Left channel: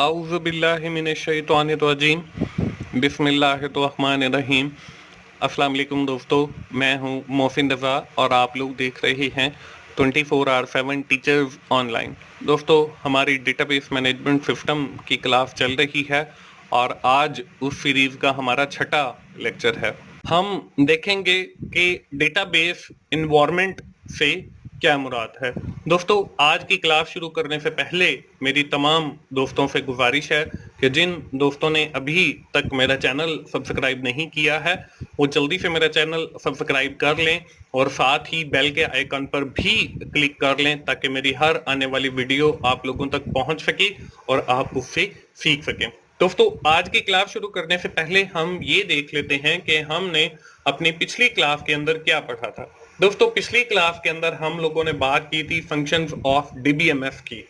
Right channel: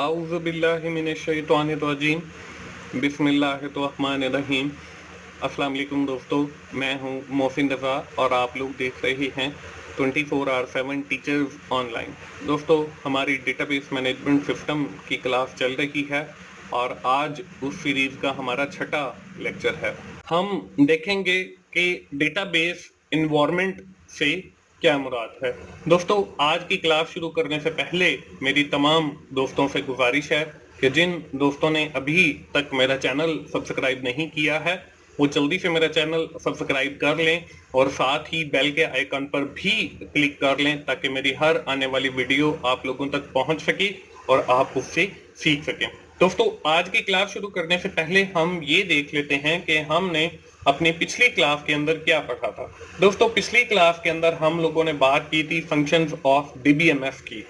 आउज़ुबिल्लाहिमिनश्शैतानिर्रजीम बिस्मिल्लाहिर्रहमानिर्रहीम। अस्सलाम वालेकुम दोस्तों, मैं हूं मोहसिन रज़ा और आप लोग देख रहे हैं 24/7 टीचर्स ऑनलाइन। दोस्तों, हमारी डेटाबेस मैनेजमेंट सिस्टम की क्लास चल रही है और आज उस सीरीज़ का हमारा छठा लेक्चर है। हम देखेंगे कि डेटाबेस इन्वायरमेंट से क्या मुराद है। दोस्तों, आज की क्लास शुरू करने से पहले मेरी तमाम दोस्तों से गुजारिश है कि जिन दोस्तों ने अभी तक मेरा चैनल सब्सक्राइब नहीं किया है वो जल्दी से मेरा चैनल सब्सक्राइब कर लें और साथ ही बेल के आइकन पर भी क्लिक कर लें ताकि मेरी हर आने वाली वीडियो आप लोगों तक पहुंच सके और आप उससे सीख सकें। दोस्तों, आज की क्लास शुरू करने से पहले हम ये देख लेते हैं कि हमने अपनी पिछली क्लास के अंदर क्या पढ़ा था। दोस्तों, पिछली क्लास के अंदर हम लोगों ने बात की थी फंक्शंस ऑफ डीबीएमएस की,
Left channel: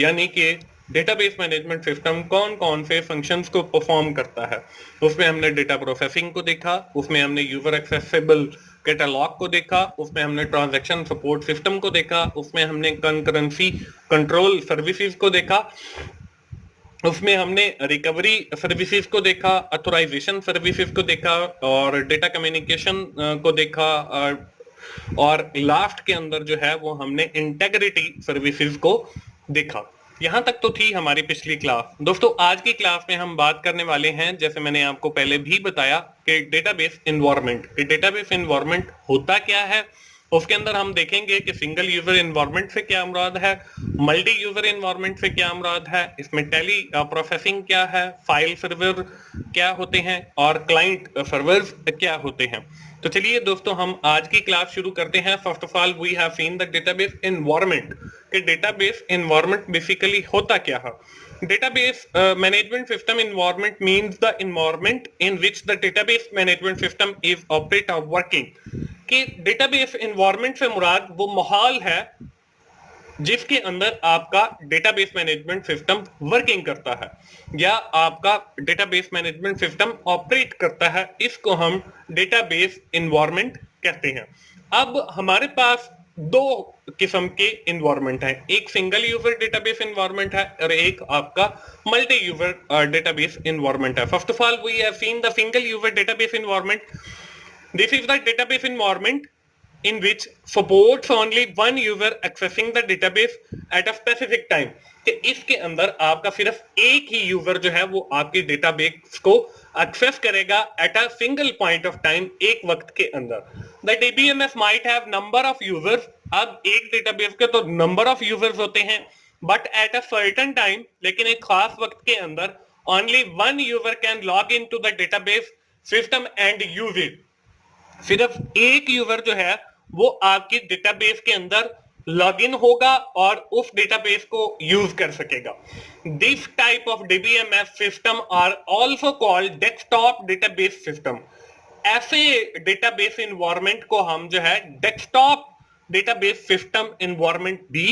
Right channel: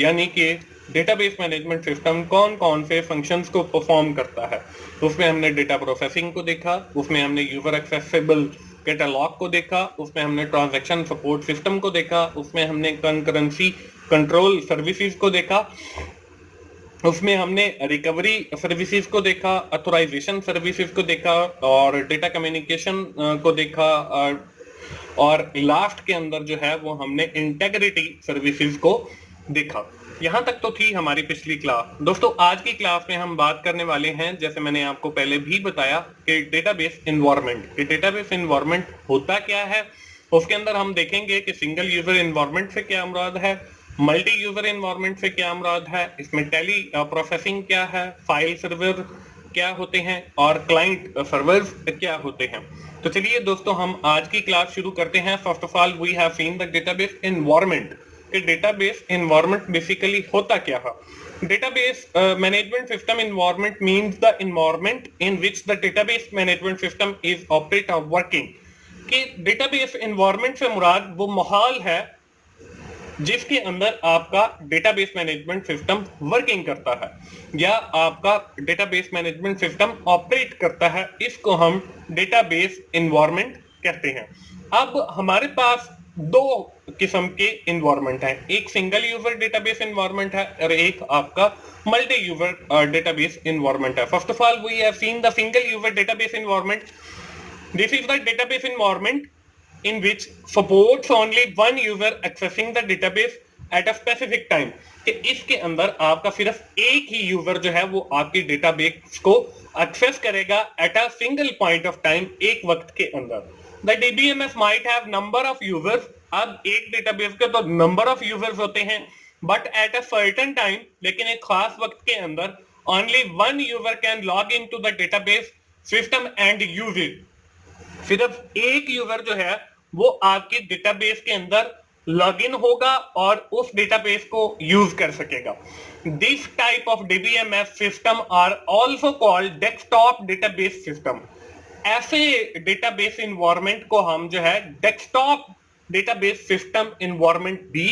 यानी कि डेटाबेस मैनेजमेंट सिस्टम कौन कौन से फंक्शंस को परफॉर्म करता है। उसमें हमने डेटा प्रोसेसिंग को देखा, उसमें हमने यूजर एक्सेसिबल कैटलॉग को देखा, उसमें हमने ट्रांजैक्शन सपोर्ट सिस्टम को देखा, उसमें हमने कंकरेंसी कंट्रोल सर्विसेज को देखा, उसमें हमने रिकवरी सर्विसेज को देखा, ऑथराइजेशन सर्विसेज को देखा और डेटा कम्युनिकेशन को देखा और लास्ट के अंदर जो है वो हमने इंटेग्रिटी सर्विसेज को देखा। यहां तक तो थी हमारी पिछली क्लास। दोस्तों, आज की क्लास में हम बात करने वाले हैं, जैसे मैंने आपको पहले भी बताया, कि डेटाबेस एनवायरनमेंट। डेटाबेस एनवायरनमेंट होता क्या है, उसके अंदर हम देखेंगे कि सिंगल यूजर एनवायरनमेंट से क्या मुराद है, मल्टी यूजर एनवायरनमेंट से क्या मुराद है, इसमें टेली प्रोसेसिंग क्या है, फाइल सर्वर क्या होते हैं और क्लाइंट सर्वर्स क्या होते हैं। तो चलिए दोस्तों, हम आज की क्लास शुरू करते हैं। First of all we have seen the database environment. Database environment basically होता क्या है। Database management system environment means the environment in which the database management system is operate or working। कि डेटाबेस एनवायरनमेंट से मुराद वो माहौल है जिसके अंदर आपका डेटाबेस मैनेजमेंट सिस्टम वर्किंग करता है या आपका डेटाबेस मैनेजमेंट सिस्टम ऑपरेट करता है। इसको हम डेटाबेस एनवायरनमेंट कहते हैं। अब हमारे पास दो किस्म के एनवायरनमेंट हैं, एक सिंगल यूजर डेटाबेस एनवायरनमेंट है और एक आपका मल्टी यूजर डेटाबेस एनवायरनमेंट है। First of all we have seen the single user database environment. This is the database environment in which supports only one user accessing the database at a specific time। कि इसके अंदर आपका सिर्फ एक ही user जो है वो आपकी डेटाबेस को एक्सेस करेगा at a single point of time, एक वक्त के अंदर। The DBMS might have number of users. अब एक डेटाबेस के तो नंबर ऑफ यूजर्स होते हैं, but at a certain time, लेकिन एक खास वक्त के अंदर only one user can log in to the database system and use it. सिर्फ एक यूजर जो है वो आपकी डेटाबेस के अंदर लॉगिन होगा और उस डेटाबेस को यूज कर सकेगा। This type of DBMS system are also called desktop database system. ऐसे डेटाबेस एनवायरनमेंट को हम जो है डेस्कटॉप डेटाबेस सिस्टम एनवायरनमेंट भी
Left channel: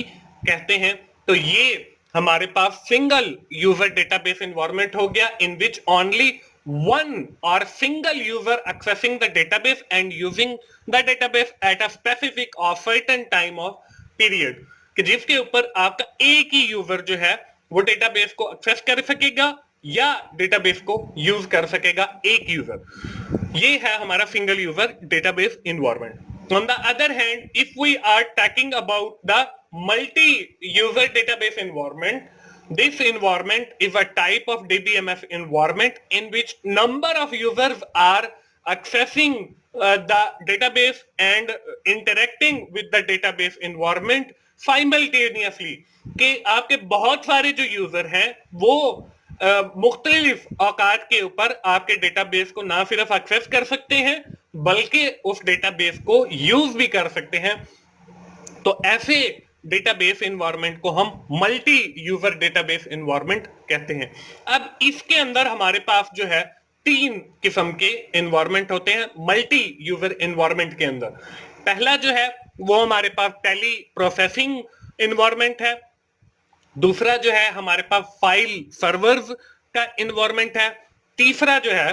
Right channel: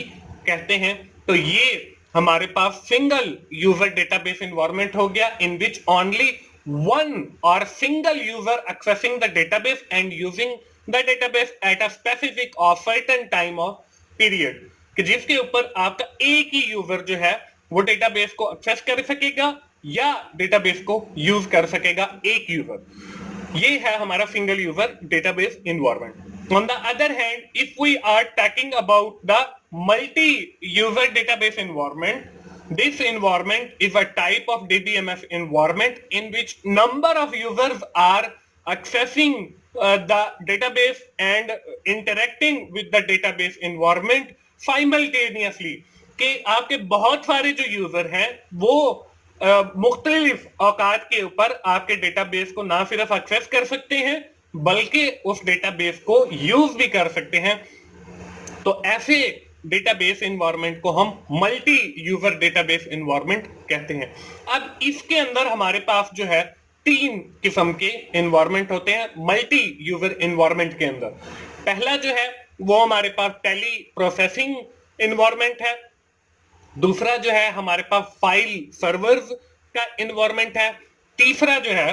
कहते हैं। तो ये हमारे पास सिंगल यूजर डेटाबेस एनवायरनमेंट हो गया in which only one or single user accessing the database and using the database at a specific or certain time of period। कि जिसके ऊपर आपका एक ही यूजर जो है वो डेटाबेस को एक्सेस कर सकेगा या डेटाबेस को यूज कर सकेगा, एक यूजर। ये है हमारा single user database environment. On the other hand, if we are talking about the multi user database environment, this environment is a type of DBMS environment in which number of users are accessing the database and interacting with the database environment simultaneously। कि आपके बहुत सारे जो user हैं वो मुख्तलिफ औकात के ऊपर आपके डेटाबेस को ना सिर्फ एक्सेस कर सकते हैं बल्कि उस डेटाबेस को यूज भी कर सकते हैं। तो ऐसे डेटाबेस एनवायरनमेंट को हम मल्टी यूजर डेटाबेस एनवायरनमेंट कहते हैं। अब इसके अंदर हमारे पास जो है तीन किस्म के एनवायरनमेंट होते हैं मल्टी यूजर एनवायरनमेंट के अंदर। पहला जो है वो हमारे पास टेली प्रोसेसिंग एनवायरनमेंट है, दूसरा जो है हमारे पास फाइल सर्वर्स का एनवायरनमेंट है, तीसरा जो है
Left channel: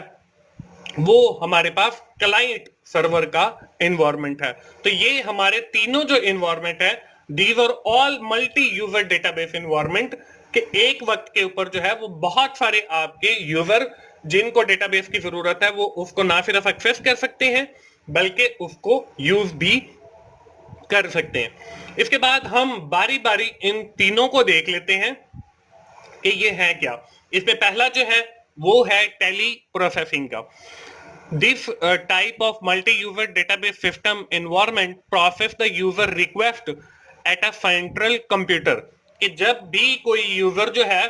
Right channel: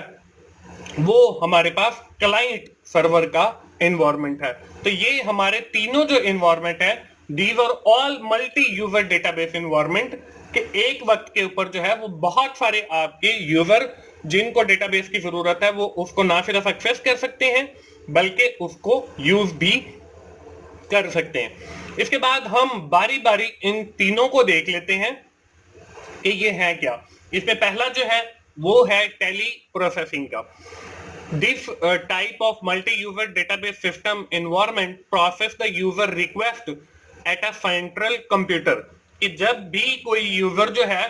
वो हमारे पास क्लाइंट सर्वर का एनवायरनमेंट है। तो ये हमारे तीनों जो एनवायरनमेंट है, these are all multi-user database environment कि एक वक्त के ऊपर जो है वो बहुत सारे आपके यूजर जिनको डेटाबेस की जरूरत है वो उसको ना सिर्फ एक्सेस कर सकते हैं बल्कि उसको यूज भी कर सकते हैं। इसके बाद हम बारी बारी इन तीनों को देख लेते हैं कि ये है क्या। इसमें पहला जो है वो है टेली प्रोसेसिंग का। This type of multi-user database system environment process the user request at a central computer। कि जब भी कोई यूजर जो है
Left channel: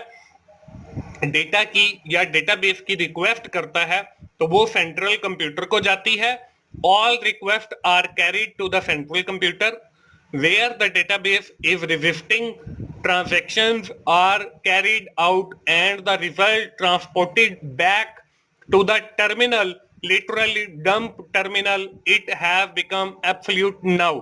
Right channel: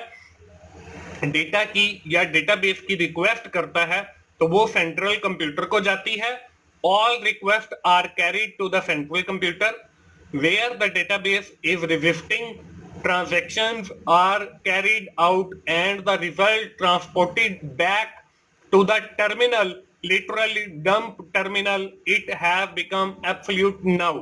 डेटा की या डेटाबेस की रिक्वेस्ट करता है तो वो सेंट्रल कंप्यूटर को जाती है। All request are carried to the central computer where the database is registering transactions are carried out and the result transported back to the terminal, literally dump terminal। It have become absolute now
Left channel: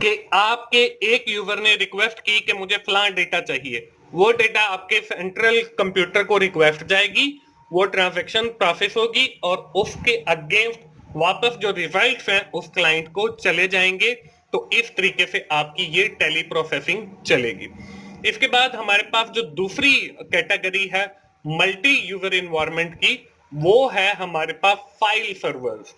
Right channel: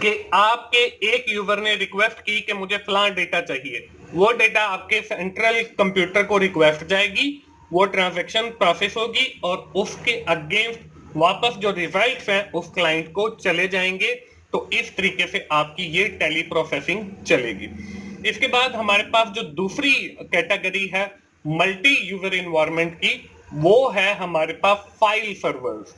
कि आपके एक user ने request की कि मुझे फलां data चाहिए, वो डेटा आपके सेंट्रल कंप्यूटर को रिक्वेस्ट जाएगी, वो ट्रांजैक्शन प्रोसेस होगी और उसके अगेंस्ट वापस जो रिजल्ट्स हैं उस क्लाइंट को चले जाएंगे। तो इस तरीके से आपकी ये टेली प्रोसेसिंग चलेगी। इसके बाद हमारे पास जो दूसरी कैटेगरी है मल्टी यूजर एनवायरनमेंट की, वो है हमारे पास फाइल सर्वर्स।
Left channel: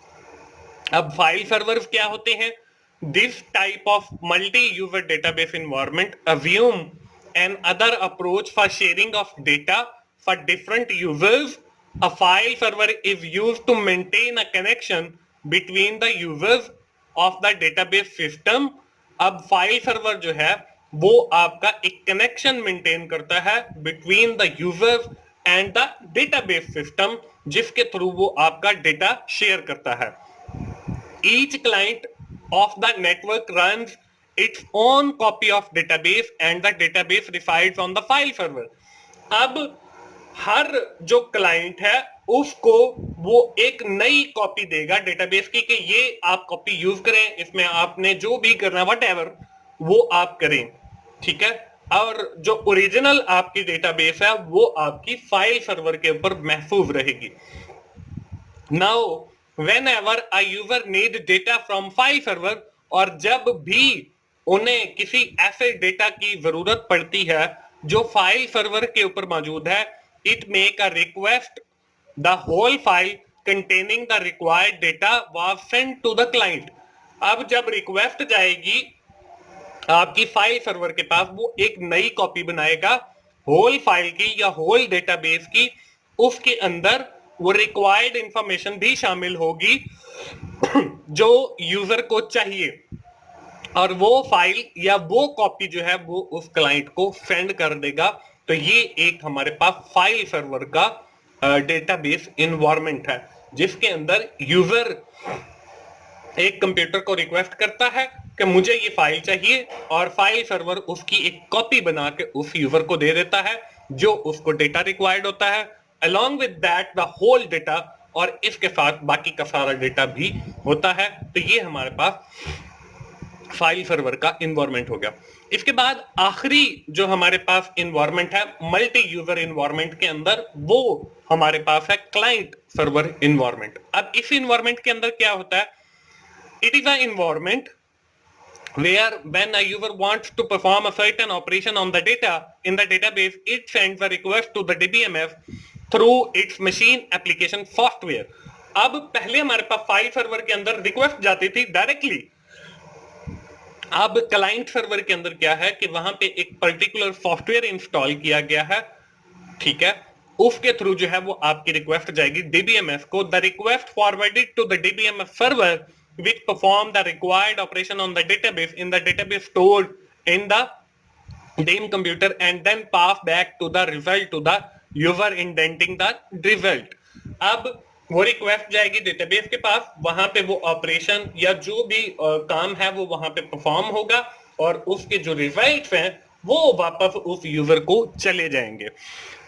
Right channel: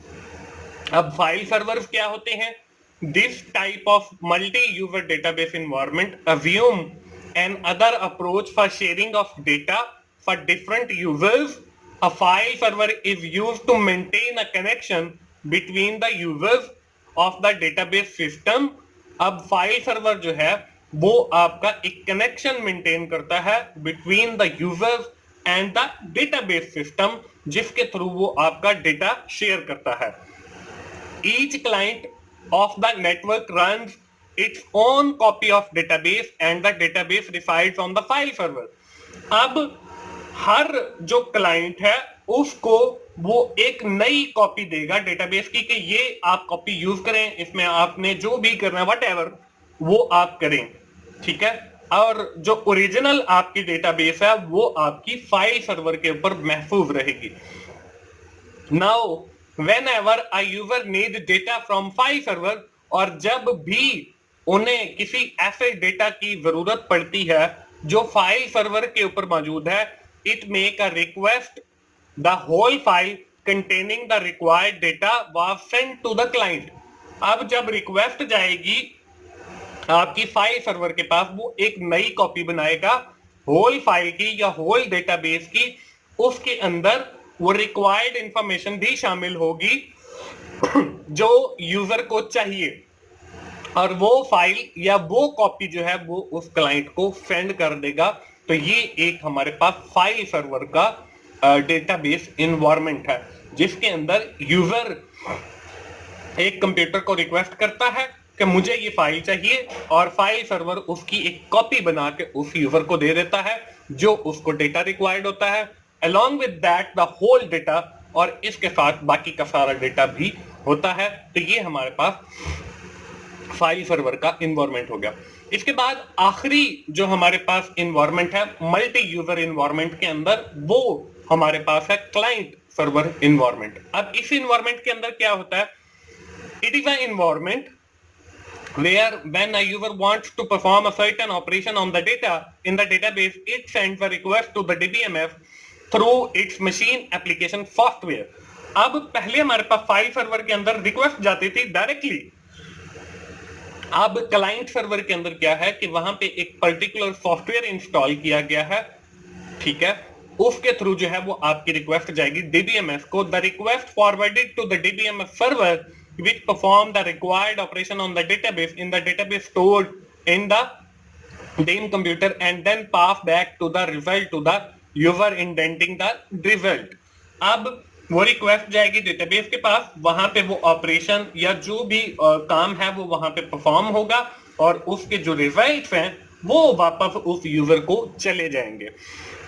अब फाइल सर्वर्स क्या होते हैं? This type of multi user database environment assume an other approach for sharing of data for different users। A file server is used to maintain a connection between the users of the database system. अब file server जो है वो आपका एक connection maintain करता है between the users and the database system, जिसके through वो आपका डेटा शेयर करता है। Each client of the network runs its own copy of database and the database resides on the file server. अब हर जो client है उसको वो एक नई कॉपी देगा डेटाबेस की कि ये आप कॉपी यूज करें, इसमें आपने जो भी करना व्हाटएवर वो आप करें, ठीक है। और जो ओरिजिनल आपकी डेटाबेस है वो आपकी फाइल सर्वर के ऊपर महफूज रहेगी। Now when ever a user need data from file server, और जब भी उन्हें किसी ऐसे डेटा की जरूरत पड़ती है जो फाइल सर्वर के ऊपर मौजूद है, it make a request, the whole file containing the required data was sent to the client। अब जब रिक्वेस्ट जाएगी आपकी फाइल सर्वर के पास, वो एक नई कॉपी बनाएगा होल फाइल की या होल डेटाबेस की। उसके अंदर वो रिक्वायर्ड इंफॉर्मेशन भी शामिल होगी जो यूजर को चाहिए, और वो फाइल या वो कॉपी जो है वो उस क्लाइंट को सेंड कर देगा। तो ये एक हमारे पास फाइल सर्वर का डेटाबेस एनवायरनमेंट है जिसके अंदर यूजर एक कंप्यूटर को रिक्वेस्ट करता है कि मुझे ये फाइल चाहिए, और फाइल सर्वर उसकी एक कॉपी बना के उस यूजर को दे देता है जो उसको डेटा रिक्वायर्ड होता है, along with that the whole data, और इसके साथ बाकी का सारा डेटा भी होता है। तो ये हमारे पास फाइल सर्वर का एनवायरनमेंट हो गया। इसके बाद आखिरी जो हमारे पास एनवायरनमेंट है मल्टी यूजर एनवायरनमेंट के अंदर, वो हमारे पास है क्लाइंट सर्वर एनवायरनमेंट। अब इस एनवायरनमेंट के अंदर क्या होता है? It is a environment where when a user wants to perform a certain operation on the data in the database, it sends a request to the DBMS through its machine application software। अब पहले हमारे पास file server के अंदर request जाती थी directly. अब client server के अंदर क्या है कि वहां पे एक पर्टिकुलर सॉफ्टवेयर इंस्टॉल किया गया है, ठीक है, उसके थ्रू जो है वो आपकी रिक्वेस्ट जाएगी डीबीएमएस को। The request forwarded to the DBMS server which perform the required operation on the database in the database stored in the DIM computer and then pass back to the result to the user indenting the result। अब वो request जाएगी database के पास, वहां पे वो operation या जो भी काम है वो वहां पे परफॉर्म होगा और उसके जो रिजल्ट्स हैं वो वापस उस यूजर को चले जाएंगे।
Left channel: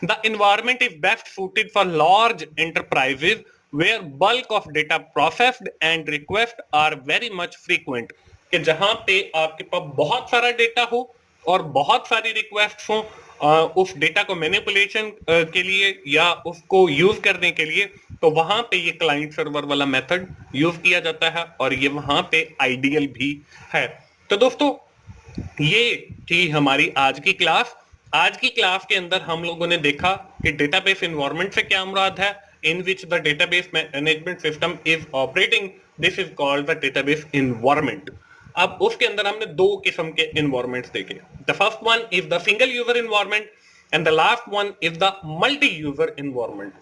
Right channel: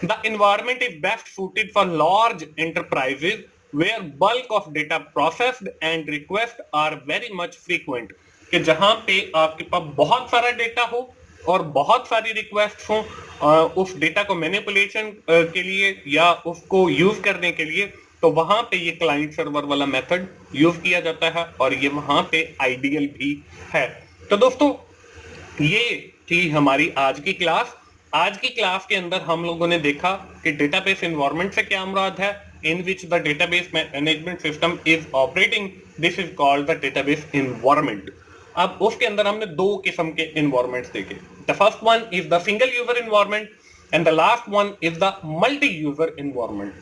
The environment is best suited for large enterprises where bulk of data processed and requests are very much frequent। कि जहां पे आपके पास बहुत सारा डेटा हो और बहुत सारी रिक्वेस्ट हो उस डेटा को मैनिपुलेशन के लिए या उसको यूज करने के लिए, तो वहां पे ये क्लाइंट सर्वर वाला मेथड यूज किया जाता है और ये वहां पे आइडियल भी है। तो दोस्तों ये थी हमारी आज की क्लास। आज की क्लास के अंदर हम लोगों ने देखा कि डेटाबेस एनवायरनमेंट से क्या मुराद है, in which the database management system is operating, this is called the database environment. अब उसके अंदर हमने दो किस्म के एनवायरनमेंट्स देखे। The first one is the single user environment and the last one is the multi user environment.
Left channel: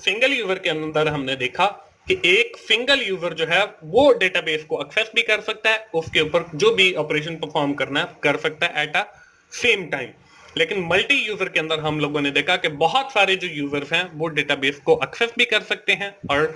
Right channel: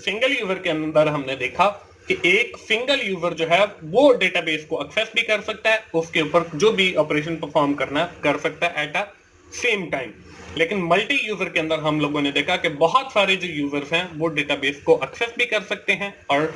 Single user के अंदर हमने देखा कि एक सिंगल यूजर जो है वो डेटाबेस को एक्सेस भी कर सकता है, उसके ऊपर जो भी ऑपरेशन परफॉर्म करना है कर सकता है एट अ सेम टाइम। लेकिन मल्टी यूजर के अंदर हम लोगों ने देखा कि बहुत सारे जो यूजर्स हैं वो डेटाबेस को एक्सेस भी कर सकते हैं और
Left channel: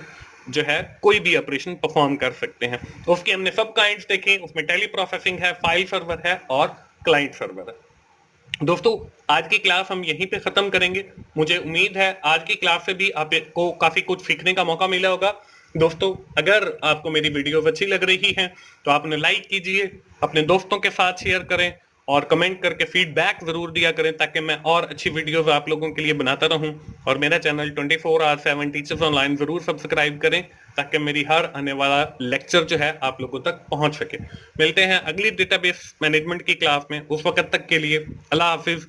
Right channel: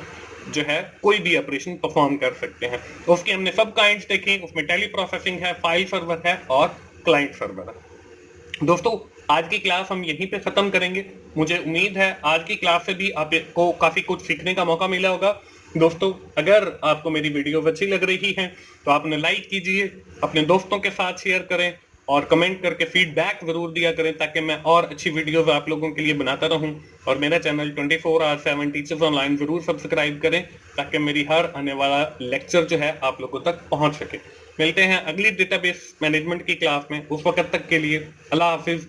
जो है कोई भी ऑपरेशन परफॉर्म कर सकते हैं। तो उसकी हमने सब काइंड्स देखे, उसमें टेली प्रोसेसिंग है, फाइल सर्वर है और क्लाइंट सर्वर है। दोस्तों आज की क्लास हम यहीं पे खत्म करेंगे। मुझे उम्मीद है आज की क्लास से भी आपको काफी कुछ सीखने का मौका मिला होगा। दोस्तों अगर आपको मेरी वीडियो अच्छी लग रही है तो आपने लाइक कीजिए, अपने दोस्तों के साथ शेयर करें और कमेंट करके फीडबैक जरूर दिया करें ताकि मैं और अच्छी वीडियोस आप लोगों के लिए बनाता रहूं। और मेरा चैनल 24/7 टीचर्स ऑनलाइन जरूर सब्सक्राइब करें ताकि मेरी हर आने वाला लेक्चर जो है आप लोगों तक पहुंच सके। मिलते हैं अगली डेटाबेस मैनेजमेंट की क्लास में, उस वक्त तक के लिए अल्लाह हाफिज।